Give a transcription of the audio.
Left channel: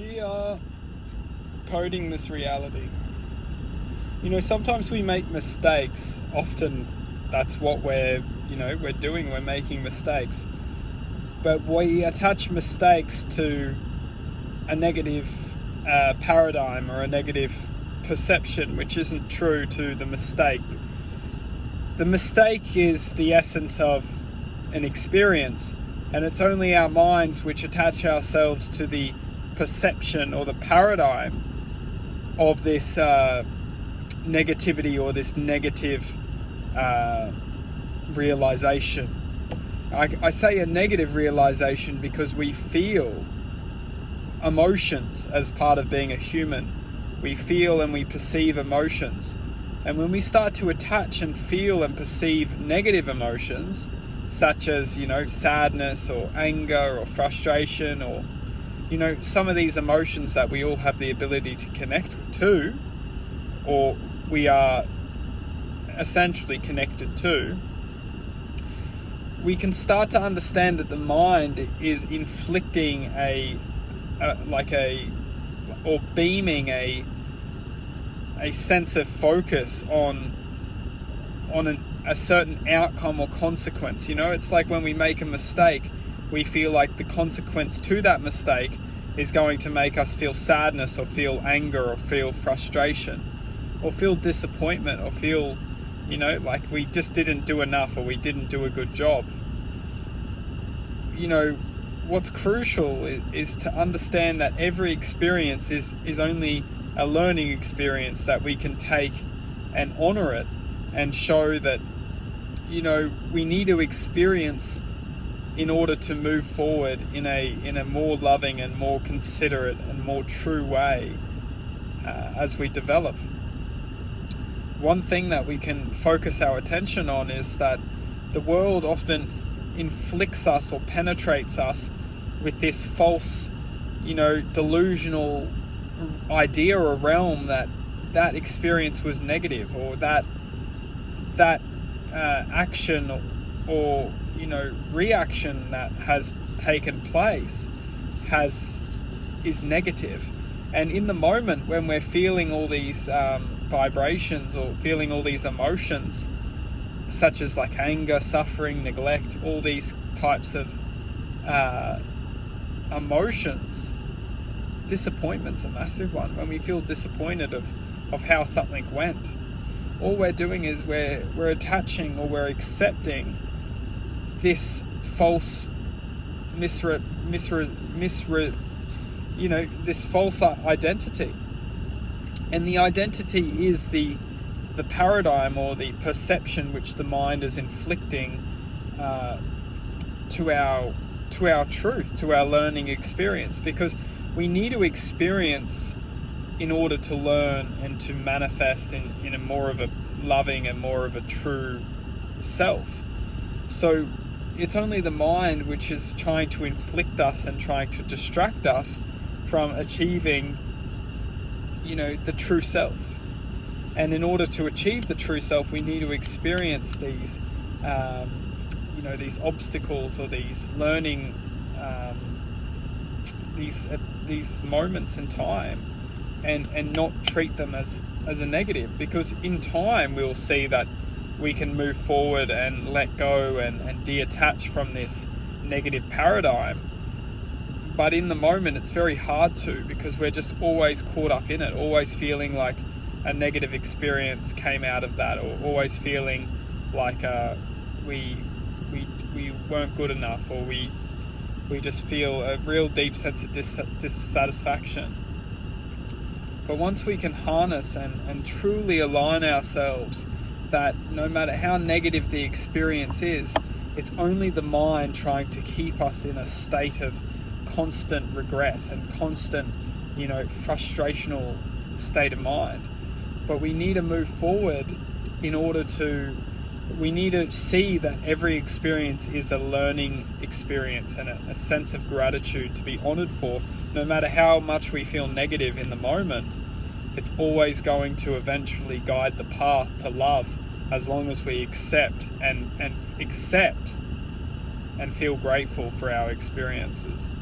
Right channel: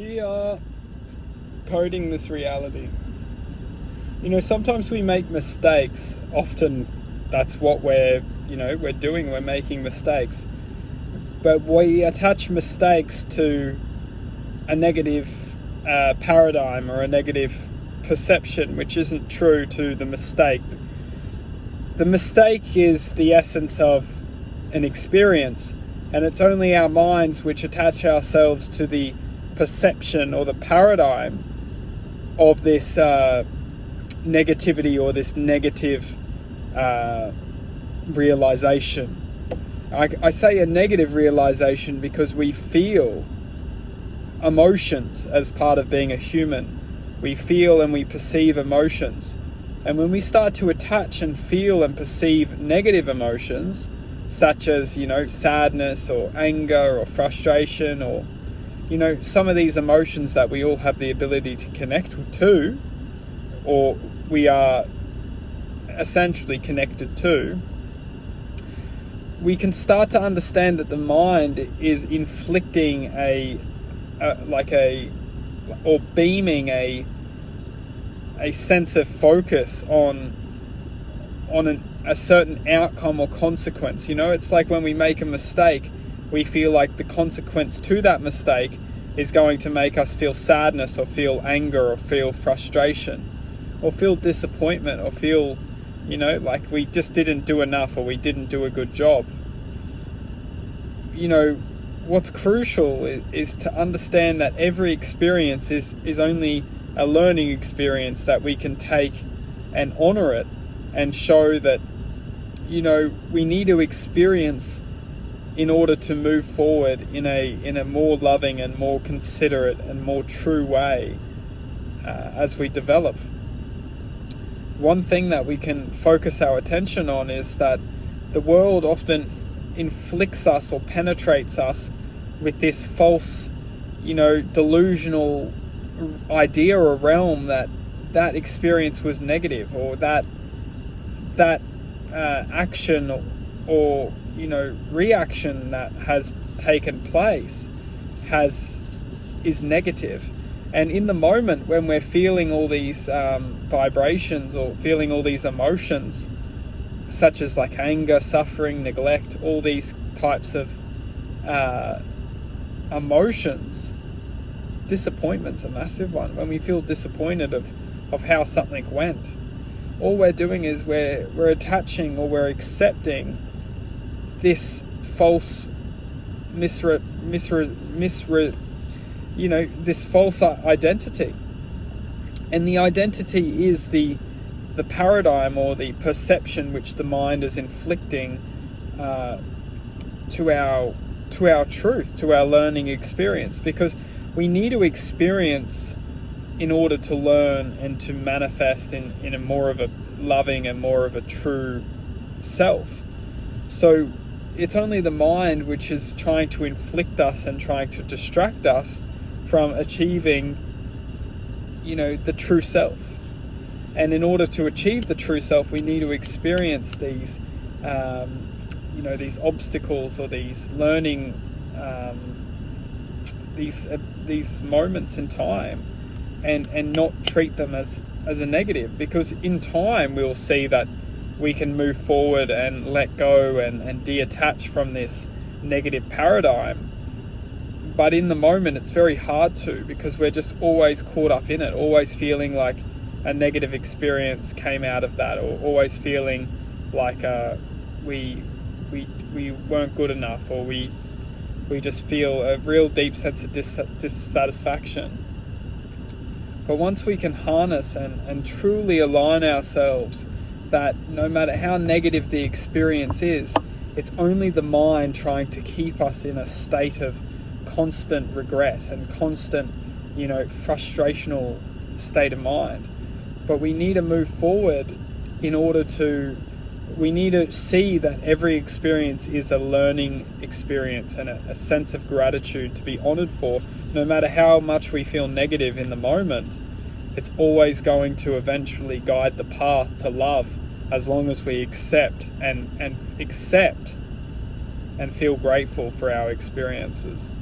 We are coding this reality. Sometimes we make mistakes. Often that's what we're doing. We're making mistakes. But we attach mistakes to a negative paradigm or a negative perception, which isn't true to the mistake. The mistake is the essence of an experience, and it's only our minds which attach ourselves to the perception or the paradigm of this negativity or this negative realization. I say a negative realization because we feel emotions as part of being a human. We feel and we perceive emotions. And when we start to attach and feel and perceive negative emotions, such as, sadness or anger or frustration or, some of these emotions that we all have the ability to connect to, or we are essentially connected to, we can start to understand that the mind is inflicting or beaming a sense of focus on a certain outcome or consequence. It's like when we make a mistake, we feel like the consequence to that mistake is going to make us feel sadness or feel anger or feel frustration or feel disappointment or feel like we just didn't do enough or we didn't do a good job. What's crucial is to understand that every experience is only a learning experience that we can take and honor it and show that, we need to experience in order to move forward in a more loving and more considerate and more true way as we develop. One thing that we can focus our attention on is that the world often inflicts us or penetrates us with this false, delusional idea or realm that experience was negative, or that action or reaction that has taken place is negative. And in the moment when we're feeling all these vibrations or feeling all these emotions, such as like anger, suffering, neglect, all these types of emotions, disappointment's a massive one. When we feel disappointed of how something went, all we're doing is we're attaching or we're accepting this false this false identity. And the identity is the paradigm or the perception which the mind is inflicting to our truth, to our learning experience, because we need to experience in order to learn and to manifest in a more of a loving and more of a true self. So it's only the mind which is trying to inflict us and trying to distract us from achieving, the true self. And in order to achieve the true self, we need to experience these, these obstacles or these learning, these moments in time, and not treat them as a negative. Because in time, we'll see that we can move forward and let go and detach from this negative paradigm. But in the moment, it's very hard to, because we're just always caught up in it, always feeling like a negative experience came out of that, or always feeling like we weren't good enough, or we just feel a real deep sense of dissatisfaction. But once we can harness and truly align ourselves that no matter how negative the experience is, it's only the mind trying to keep us in a state of constant regret and constant, frustrational state of mind. But we need to move forward we need to see that every experience is a learning experience and a sense of gratitude to be honored for. No matter how much we feel negative in the moment, it's always going to eventually guide the path to love, as long as we accept and feel grateful for our experiences.